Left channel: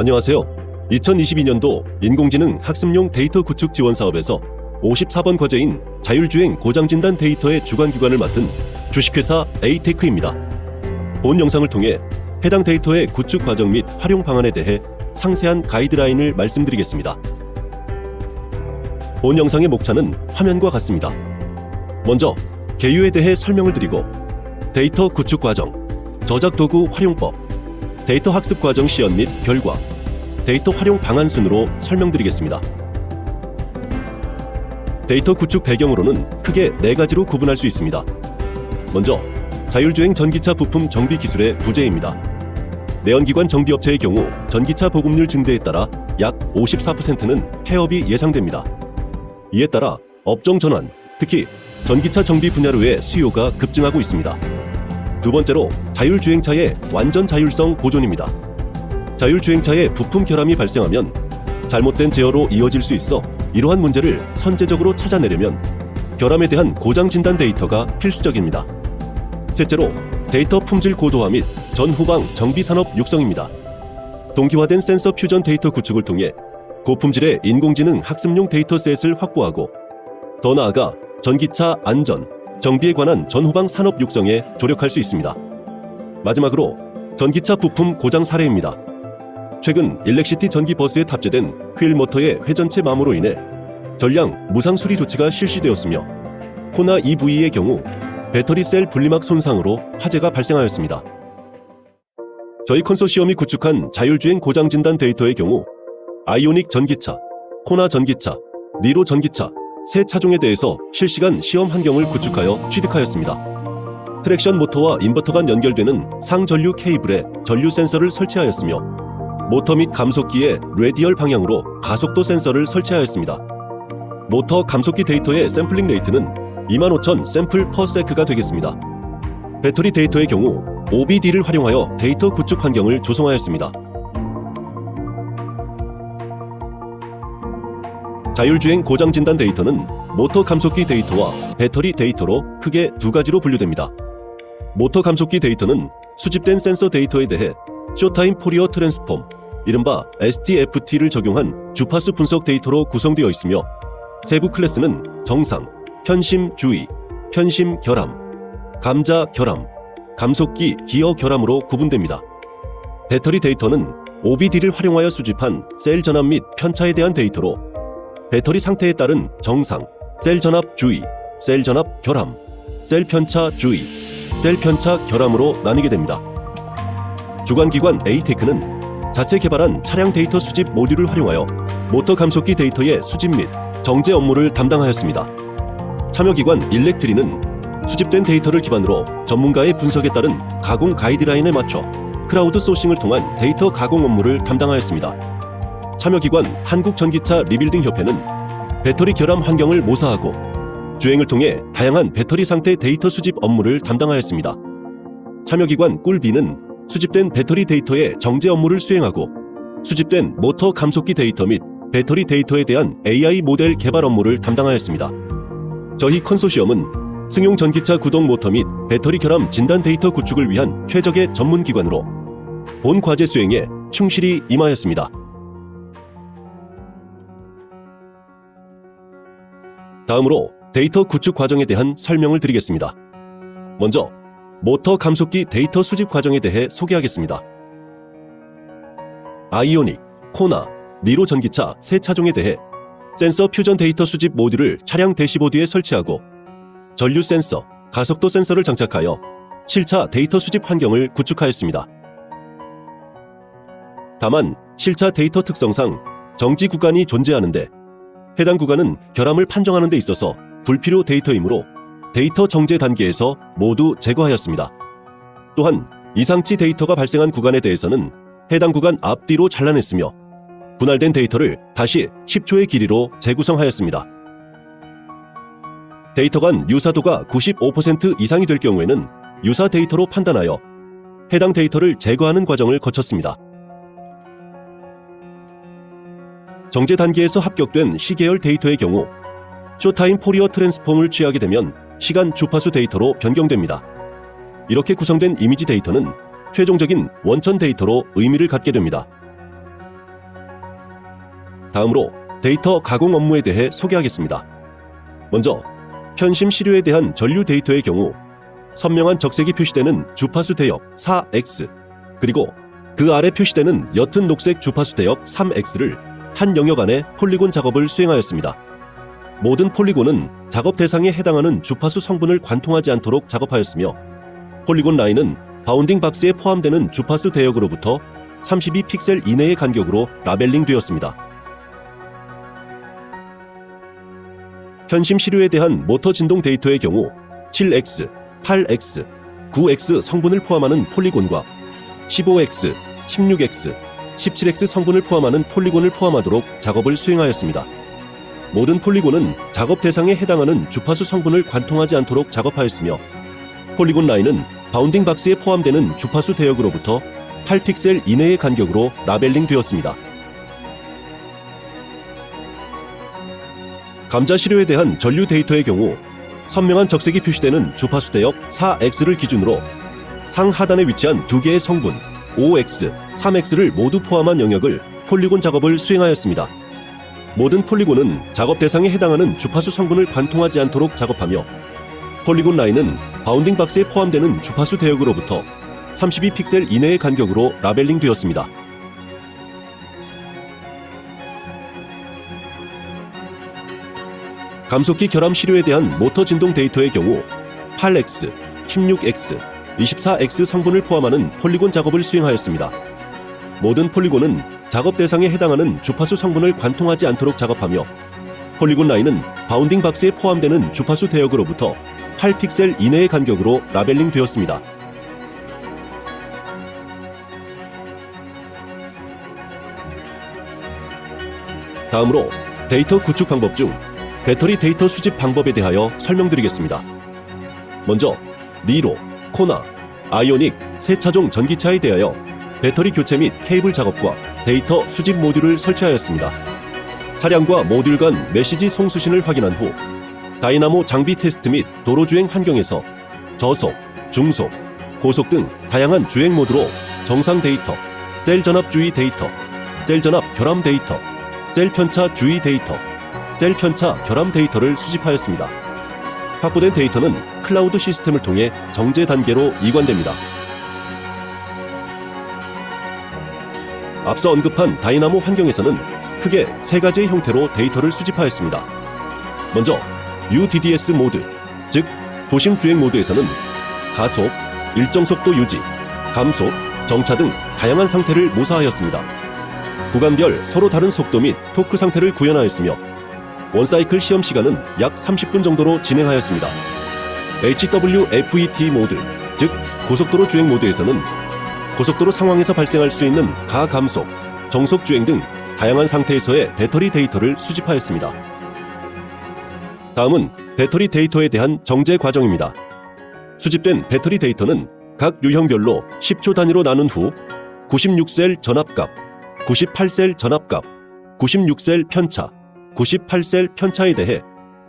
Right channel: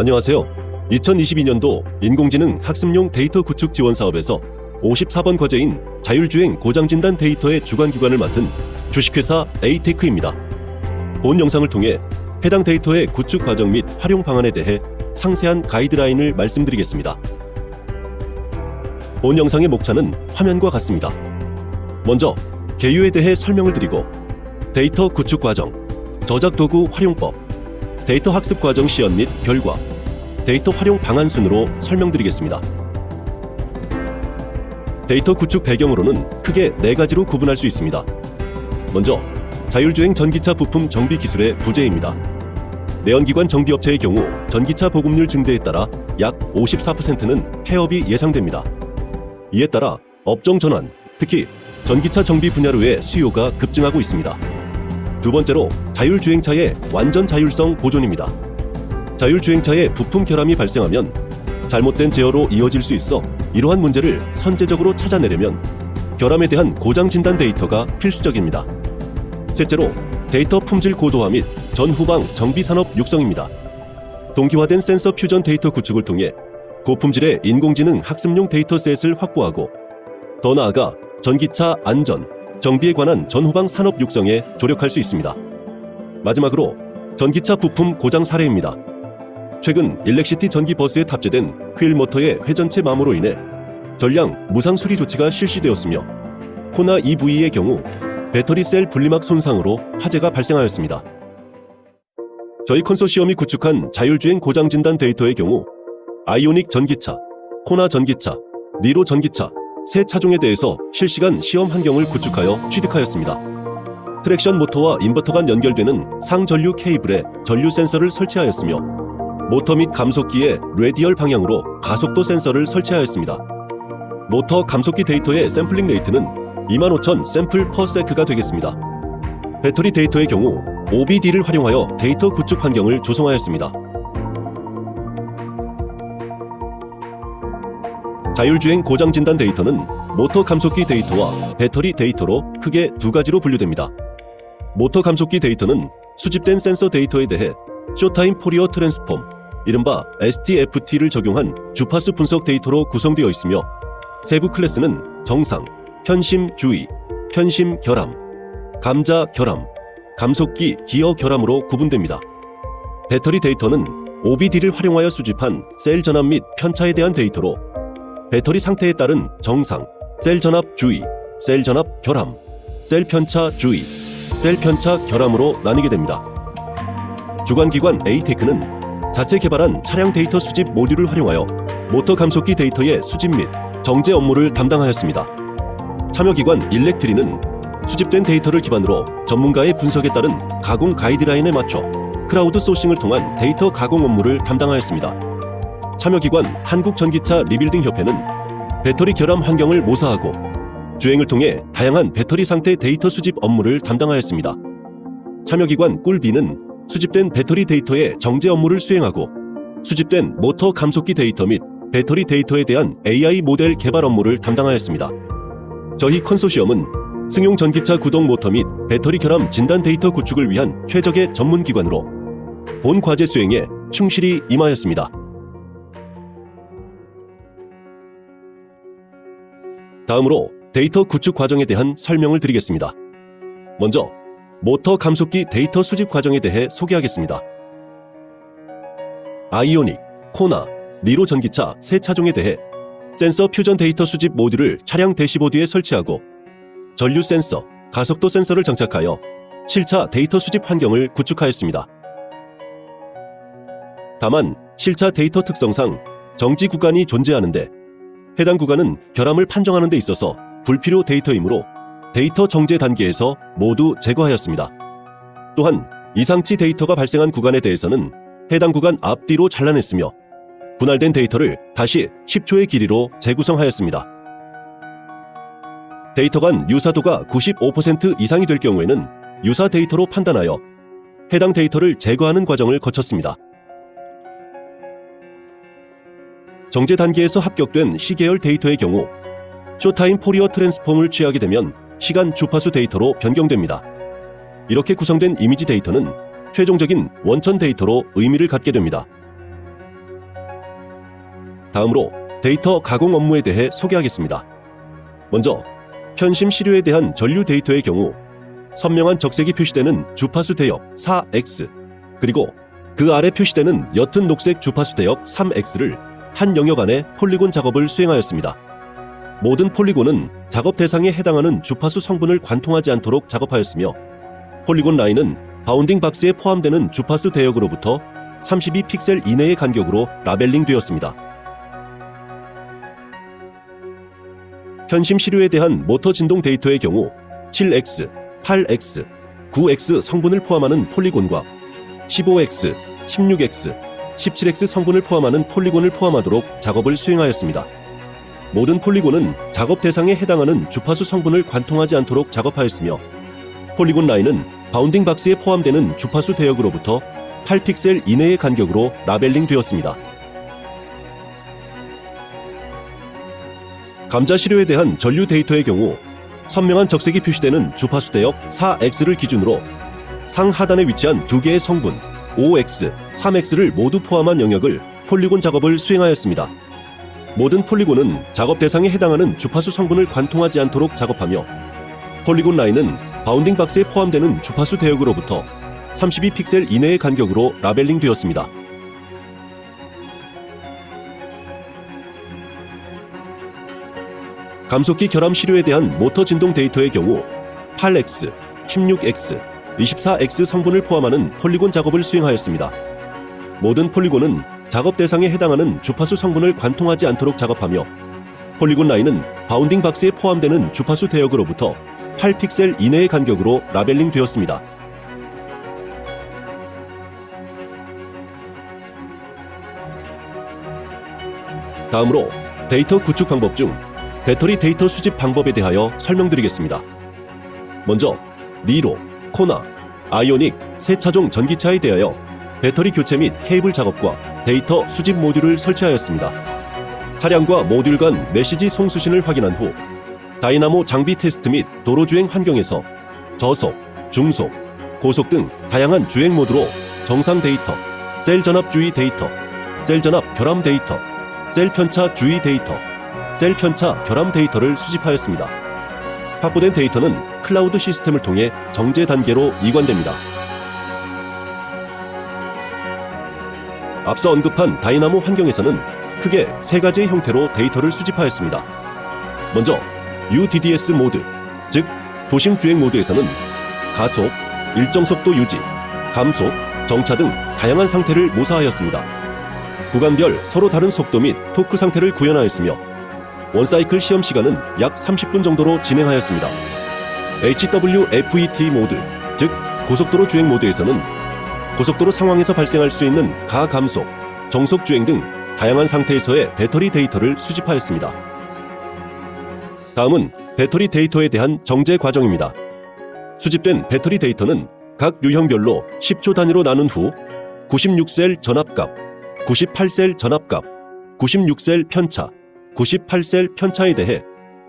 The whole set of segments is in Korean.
안녕하세요. 2022년도 인공지능 학습용 데이터 구축 지원 사업에서 54번 과제인 자율주행 고장진단 데이터의 주관기관을 맡은 주식회사 에이테크입니다. 본 영상을 통해 해당 데이터의 구축 과정 및 활용 방안에 대해 상세한 가이드라인을 말씀드리겠습니다. 본 영상의 목차는 화면과 같습니다. 먼저 개요에 대해 설명을 드리고 데이터 구축 과정, 저작 도구 활용법, 데이터 학습 과정 시연 및 결과, 데이터 활용 방안 순으로 설명드리겠습니다. 데이터 구축 배경으로는 크게 4가지로 구분할 수 있습니다. 먼저 자율주행 전기차 부품 정비 기술의 부재입니다. 내연기관 정비업체의 경우 전기차 보급률 증대에 따라 약 54%는 폐업이 예상됩니다. 이에 따라 업종 전환, 특히 전기차 정비 분야로의 수요가 급증하고 있습니다. 두 번째로 자율주행차의 완전 자율성 보존입니다. 자율주행차의 부품 결함이 발생하면 잘못된 제어로 이어질 수 있어 이러한 문제를 선제적으로 찾아내려면 결함에 대한 고장 진단 데이터가 필수적입니다. 실제로 데이터 품질 고도화 및 전후방 정비 산업 육성입니다. 동기화된 센서 퓨전 데이터 구축을 통해 고품질의 인공지능 학습용 데이터셋을 확보하고 더 나아가 전기차 안전, 정비에 관한 전후방 산업 육성에 조력할 수 있습니다. 마지막으로 전기차 부품 고장 사례입니다. 최근 일렉시티 전기 버스에 탑재된 휠 모터의 회전체 마모로 인해 전량 무상 수리 조치가 실시되었으며 코나 EV의 경우 배터리 셀 분리막 손상으로 화재가 발생하였습니다. 저희 컨소시엄이 구축한 자율주행 고장 진단 데이터의 경우 아이오닉 전기차, 코나 전기차, 니로 전기차 세 차종에 대해서 실시간 시험 환경을 구축하여 취득하였습니다. 트랙션 모터와 인버터 간 연결되는 상전류 케이블에 전류 센서를 설치하였으며 모터 및 감속기에 레디얼 방향으로 가속도 센서를 설치하였습니다. 모터 감속기 데이터의 샘플링 레이트는 25,000 샘플 퍼 세크가 되겠습니다. 배터리 데이터의 경우 OBD를 활용하여 데이터 구축 환경을 조성하였습니다. 자율주행 고장 진단 데이터는 모터 감속기 데이터와 배터리 데이터로 크게 2가지로 분류됩니다. 모터 감속기 데이터는 수집된 센서 데이터에 대해 쇼타임 포리어 트랜스폼, 이른바 STFT를 적용한 주파수 분석 데이터로 구성되어 있으며 세부 클래스는 정상, 편심 주의, 편심 결함, 감자 결함, 감속기 기어 결함으로 구분됩니다. 배터리 데이터는 OBD를 활용하여 수집한 셀 전압 및 편차에 대한 데이터로 배터리 상태에 따른 정상, 셀 전압 주의, 셀 전압 결함, 셀 편차 주의, 셀 편차 결함으로 나뉘게 됩니다. 주관기관 에이테크는 자체 개발한 차량 데이터 수집 모듈을 활용하여 모터 감속기 데이터의 수집 및 정제 업무를 담당하였습니다. 참여기관 일렉트리는 수집된 데이터를 기반으로 전문가의 분석에 따른 가공 가이드라인에 맞춰 크라우드 소싱을 통한 데이터 가공 업무를 담당하였습니다. 참여기관 한국전기차 리빌딩 협회는 배터리 결함 환경을 모사하고 주행을 통해 다양한 배터리 상태 데이터 수집 업무를 담당하였습니다. 참여기관 꿀비는 수집된 배터리 데이터의 정제 업무를 수행하고 수집된 모터 감속기 데이터 및 배터리 데이터에 대한 AI 모델 개발 업무를 담당하였습니다. 저희 컨소시엄은 승용 전기차 구동 모터 및 배터리 결함 진단 데이터 구축을 위한 최적의 전문기관으로 본 과제 수행에 충실히 임하였습니다. 다음으로 데이터 구축 과정에 대한 설명을 드리겠습니다. 먼저 모터 감속기 데이터 수집 과정에 대해 소개하겠습니다. 아이오닉, 코나, 니로 전기차 세 차종에 대해 센서 퓨전 데이터 수집 모듈을 차량 대시보드에 설치하고 전류 센서, 가속도 센서를 장착하여 실차 데이터 수집 환경을 구축하였습니다. 다만 실차 데이터 특성상 정지 구간이 존재하는데 해당 구간은 결함을 판정하는 데 있어서 불필요 데이터이므로 데이터 정제 단계에서 모두 제거하였습니다. 또한 이상치 데이터가 발생한 구간에 대해서는 해당 구간 앞뒤로 잘라냈으며 분할된 데이터를 다시 10초의 길이로 재구성하였습니다. 데이터 간 유사도가 95% 이상이 될 경우에는 유사 데이터로 판단하여 해당 데이터를 제거하는 과정을 거쳤습니다. 정제 단계에서 합격된 시계열 데이터의 경우 쇼타임 포리어 트랜스폼을 취하게 되면 시간 주파수 데이터로 변경됩니다. 이렇게 구성된 이미지 데이터는 최종적인 원천 데이터로 의미를 갖게 됩니다. 다음으로 데이터 가공 업무에 대해 소개하겠습니다. 먼저 편심 시료에 대한 전류 데이터의 경우 선명한 적색이 표시되는 주파수 대역 4X 그리고 그 아래 표시되는 옅은 녹색 주파수 대역 3X를 한 영역 안에 폴리곤 작업을 수행하였습니다. 모든 폴리곤은 작업 대상에 해당하는 주파수 성분을 관통하지 않도록 작업하였으며 폴리곤 라인은 바운딩 박스에 포함되는 주파수 대역으로부터 32픽셀 이내의 간격으로 라벨링 되었습니다. 편심 시료에 대한 모터 진동 데이터의 경우 7X, 8X, 9X 성분을 포함하는 폴리곤과 15X, 16X, 17X 성분을 포함하는 폴리곤을 포함하도록 작업을 수행하였습니다. 모든 폴리곤은 작업 대상에 해당하는 주파수 성분을 관통하지 않도록 작업하였으며 폴리곤 라인은 바운딩 박스에 포함되는 주파수 대역으로부터 8픽셀 이내의 간격으로 라벨링 되었습니다. 감자 시료에 대한 전류 데이터의 경우 선명한 적색이 표시되는 주파수 대역 4X를 기준으로 상하단에 위치한 두 개의 성분 5X, 3X를 모두 포함한 영역을 폴리곤 작업을 수행하였습니다. 모든 폴리곤은 작업 대상에 해당하는 주파수 성분을 관통하지 않도록 작업하며 폴리곤 라인은 바운딩 박스에 포함되는 주파수 대역으로부터 32픽셀 이내의 간격으로 라벨링 되었습니다. 감속기 결함 시료에 대한 모터 진동 데이터의 경우 8X, 16X, 24X 성분을 포함하는 폴리곤 작업을 수행하였습니다. 모든 폴리곤은 작업 대상에 해당하는 주파수 성분을 관통하지 않도록 작업하며 폴리곤 라인은 바운딩 박스에 포함되는 주파수 대역으로부터 8픽셀 이내의 간격으로 라벨링 되었습니다. 다음으로 데이터 구축 방법 중 배터리 데이터 수집 방법에 대하여 설명드리겠습니다. 먼저 니로, 코나, 아이오닉 세 차종 전기차에 대하여 배터리 교체 및 케이블 작업과 데이터 수집 모듈을 설치하였습니다. 차량과 모듈 간 메시지 송수신을 확인한 후 다이나모 장비 테스트 및 도로주행 환경에서 저속, 중속, 고속 등 다양한 주행 모드로 정상 데이터, 셀 전압 주의 데이터, 셀 전압 결함 데이터, 셀 편차 주의 데이터, 셀 편차 결함 데이터를 수집하였습니다. 확보된 데이터는 클라우드 시스템을 통해 정제 단계로 이관됩니다. 앞서 언급한 다이나모 환경에서는 크게 세 가지의 형태로 데이터를 수집하였습니다. 먼저 UDDS 모드, 즉 도심 주행 모드에서는 가속, 일정 속도 유지, 감속, 정차 등 다양한 상태를 모사하였습니다. 구간별 서로 다른 속도 및 토크 상태를 구현하였으며 원사이클 시험 시간은 약 30분 정도로 진행하였습니다. HWFET 모드, 즉 고속도로 주행 모드에서는 고속도로 상황에서 발생할 수 있는 가감속, 정속 주행 등 다양한 상태에서의 배터리 데이터를 수집하였습니다. 다음은 배터리 데이터에 대한 정제 과정입니다. 수집된 배터리 데이터는 각 유형별로 10초 단위로 나눈 후 96셀 전압값, 98셀 전압값, 96셀 편차, 98셀 편차에 대해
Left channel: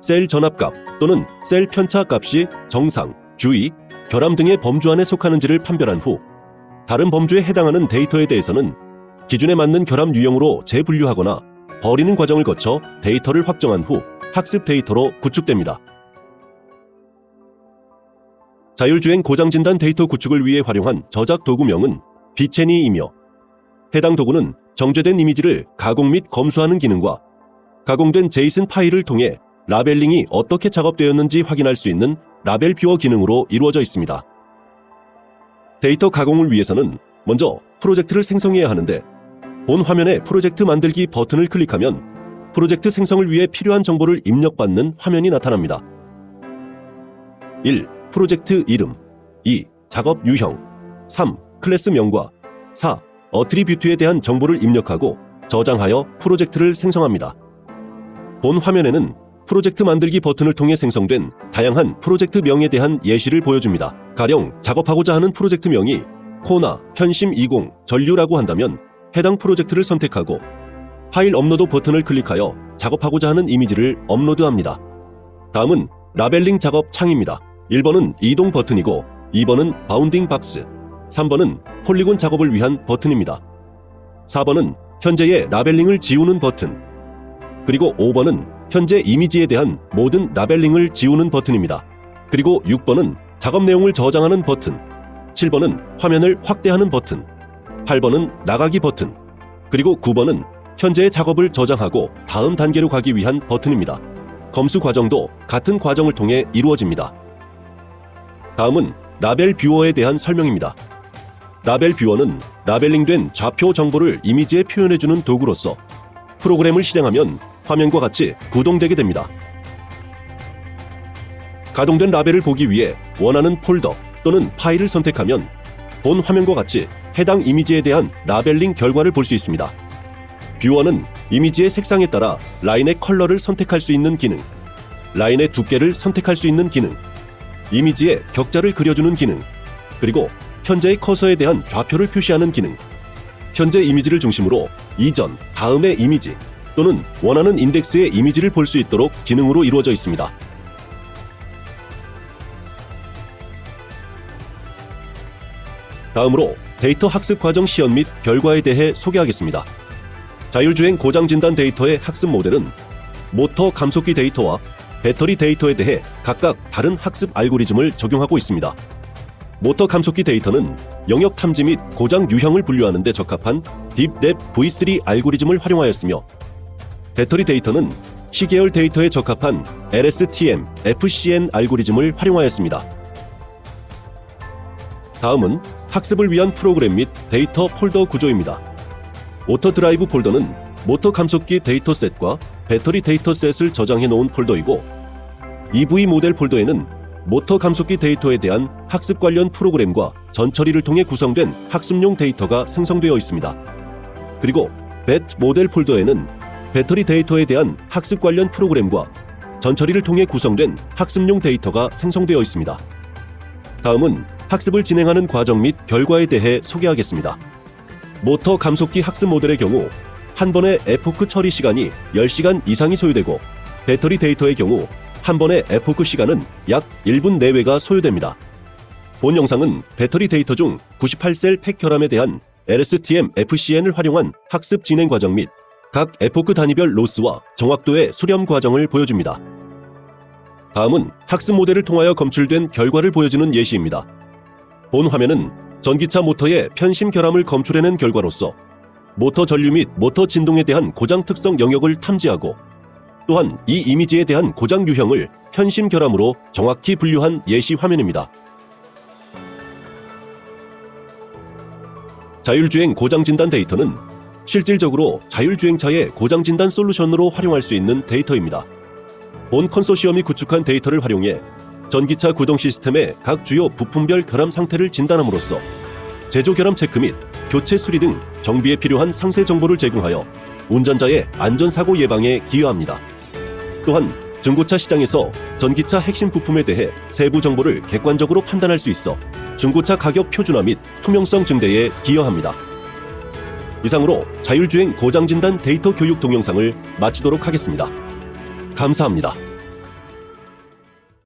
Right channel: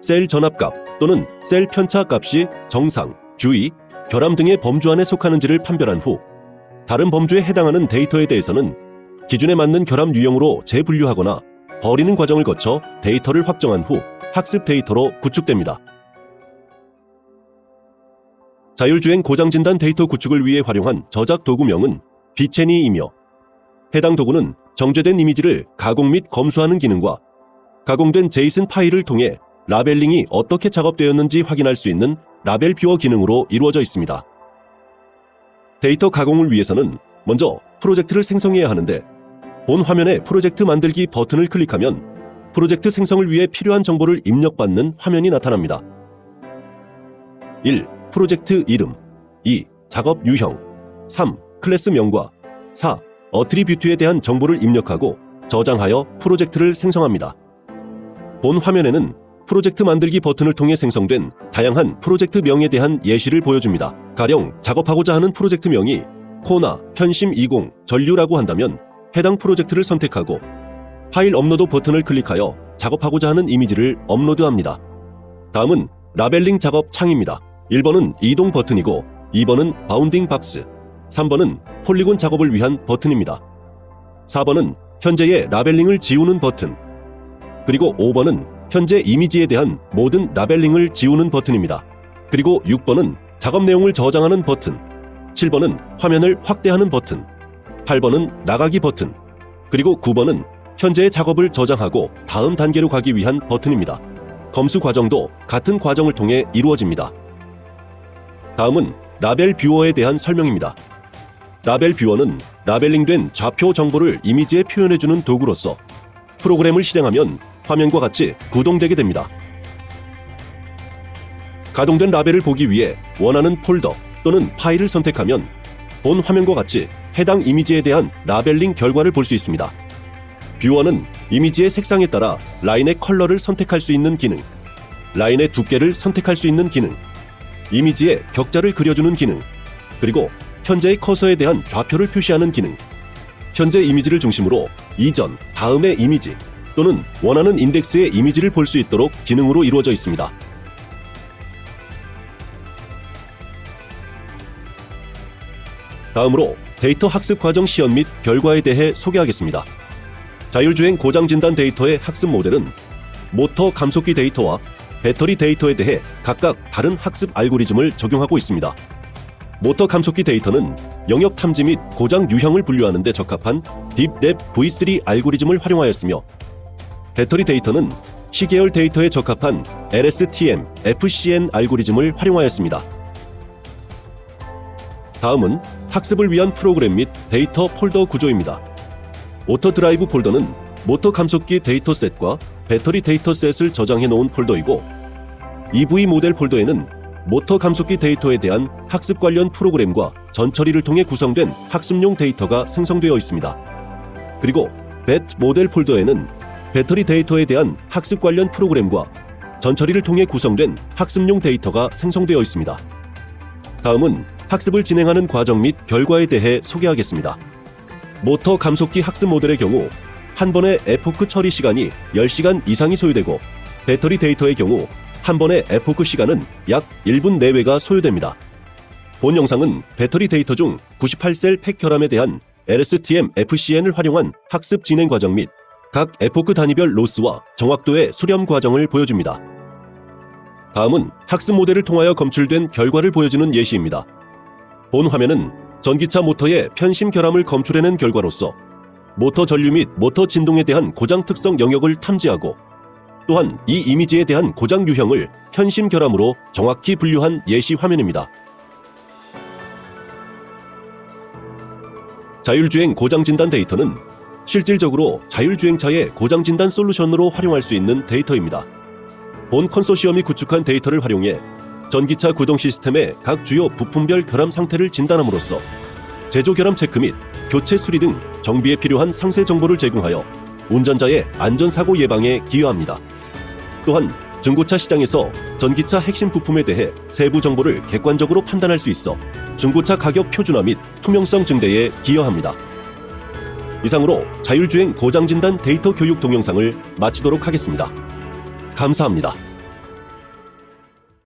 셀 전압값 또는 셀 편차 값이 정상, 주의, 결함 등의 범주 안에 속하는지를 판별한 후 다른 범주에 해당하는 데이터에 대해서는 기준에 맞는 결함 유형으로 재분류하거나 버리는 과정을 거쳐 데이터를 확정한 후 학습 데이터로 구축됩니다. 자율주행 고장진단 데이터 구축을 위해 활용한 저작 도구명은 비체니이며 해당 도구는 정제된 이미지를 가공 및 검수하는 기능과 가공된 제이슨 파일을 통해 라벨링이 어떻게 작업되었는지 확인할 수 있는 라벨 뷰어 기능으로 이루어져 있습니다. 데이터 가공을 위해서는 먼저 프로젝트를 생성해야 하는데 본 화면에 프로젝트 만들기 버튼을 클릭하면 프로젝트 생성을 위해 필요한 정보를 입력받는 화면이 나타납니다. 1. 프로젝트 이름 2. 작업 유형 3. 클래스명과 4. 어트리뷰트에 대한 정보를 입력하고 저장하여 프로젝트를 생성합니다. 본 화면에는 프로젝트 만들기 버튼을 통해 생성된 다양한 프로젝트 명에 대한 예시를 보여줍니다. 가령 작업하고자 하는 프로젝트 명이 코나 편심 20 전류라고 한다면 해당 프로젝트를 선택하고 파일 업로드 버튼을 클릭하여 작업하고자 하는 이미지를 업로드합니다. 다음은 라벨링 작업 창입니다. 1번은 이동 버튼이고 2번은 바운딩 박스, 3번은 폴리곤 작업을 위한 버튼입니다. 4번은 현재의 라벨링을 지우는 버튼, 그리고 5번은 현재 이미지에 대한 모든 라벨링을 지우는 버튼입니다. 그리고 6번은 작업 내용을 저장하는 버튼, 7번은 화면을 확대하는 버튼, 8번은 나가기 버튼, 그리고 9번은 현재의 작업을 저장하고 다음 단계로 가기 위한 버튼입니다. 검수 과정도 같은 과정을 통해 이루어집니다. 다음은 라벨 뷰어에 대한 설명입니다. 라벨 뷰어는 라벨링된 좌표 정보를 이미지에 표현해주는 도구로서 프로그램을 실행하면 화면과 같이 구동되게 됩니다. 가동된 라벨을 보기 위해 원하는 폴더 또는 파일을 선택하면 본 화면과 같이 해당 이미지에 대한 라벨링 결과를 볼 수 있습니다. 뷰어는 이미지의 색상에 따라 라인의 컬러를 선택할 수 있는 기능, 라인의 두께를 선택할 수 있는 기능, 이미지에 격자를 그려주는 기능, 그리고 현재의 커서에 대한 좌표를 표시하는 기능, 현재 이미지를 중심으로 이전, 다음의 이미지 또는 원하는 인덱스의 이미지를 볼 수 있도록 기능으로 이루어져 있습니다. 다음으로 데이터 학습 과정 시연 및 결과에 대해 소개하겠습니다. 자율주행 고장 진단 데이터의 학습 모델은 모터 감속기 데이터와 배터리 데이터에 대해 각각 다른 학습 알고리즘을 적용하고 있습니다. 모터 감속기 데이터는 영역 탐지 및 고장 유형을 분류하는 데 적합한 딥랩 V3 알고리즘을 활용하였으며, 배터리 데이터는 시계열 데이터에 적합한 LSTM FCN 알고리즘을 활용하였습니다. 다음은 학습을 위한 프로그램 및 데이터 폴더 구조입니다. 모터 드라이브 폴더는 모터 감속기 데이터셋과 배터리 데이터셋을 저장해 놓은 폴더이고, EV 모델 폴더에는 모터 감속기 데이터에 대한 학습 관련 프로그램과 전처리를 통해 구성된 학습용 데이터가 생성되어 있습니다. 그리고 벳 모델 폴더에는 배터리 데이터에 대한 학습 관련 프로그램과 전처리를 통해 구성된 학습용 데이터가 생성되어 있습니다. 다음은 학습을 진행하는 과정 및 결과에 대해 소개하겠습니다. 모터 감속기 학습 모델의 경우 한 번의 에포크 처리 시간이 10시간 이상이 소요되고, 배터리 데이터의 경우 한 번의 에포크 시간은 약 1분 내외가 소요됩니다. 본 영상은 배터리 데이터 중 98셀 팩 결함에 대한 LSTM FCN을 활용한 학습 진행 과정 및 각 에포크 단위별 로스와 정확도의 수렴 과정을 보여줍니다. 다음은 학습 모델을 통하여 검출된 결과를 보여주는 예시입니다. 본 화면은 전기차 모터의 편심 결함을 검출해낸 결과로서 모터 전류 및 모터 진동에 대한 고장 특성 영역을 탐지하고, 또한 이 이미지에 대한 고장 유형을 편심 결함으로 정확히 분류한 예시 화면입니다. 자율주행 고장 진단 데이터는 실질적으로 자율주행차의 고장 진단 솔루션으로 활용할 수 있는 데이터입니다. 본 컨소시엄이 구축한 데이터를 활용해 전기차 구동 시스템의 각 주요 부품별 결함 상태를 진단함으로써 제조 결함 체크 및 교체 수리 등 정비에 필요한 상세 정보를 제공하여 운전자의 안전사고 예방에 기여합니다. 또한 중고차 시장에서 전기차 핵심 부품에 대해 세부 정보를 객관적으로 판단할 수 있어 중고차 가격 표준화 및 투명성 증대에 기여합니다. 이상으로 자율주행 고장 진단 데이터 교육 동영상을 마치도록 하겠습니다. 감사합니다.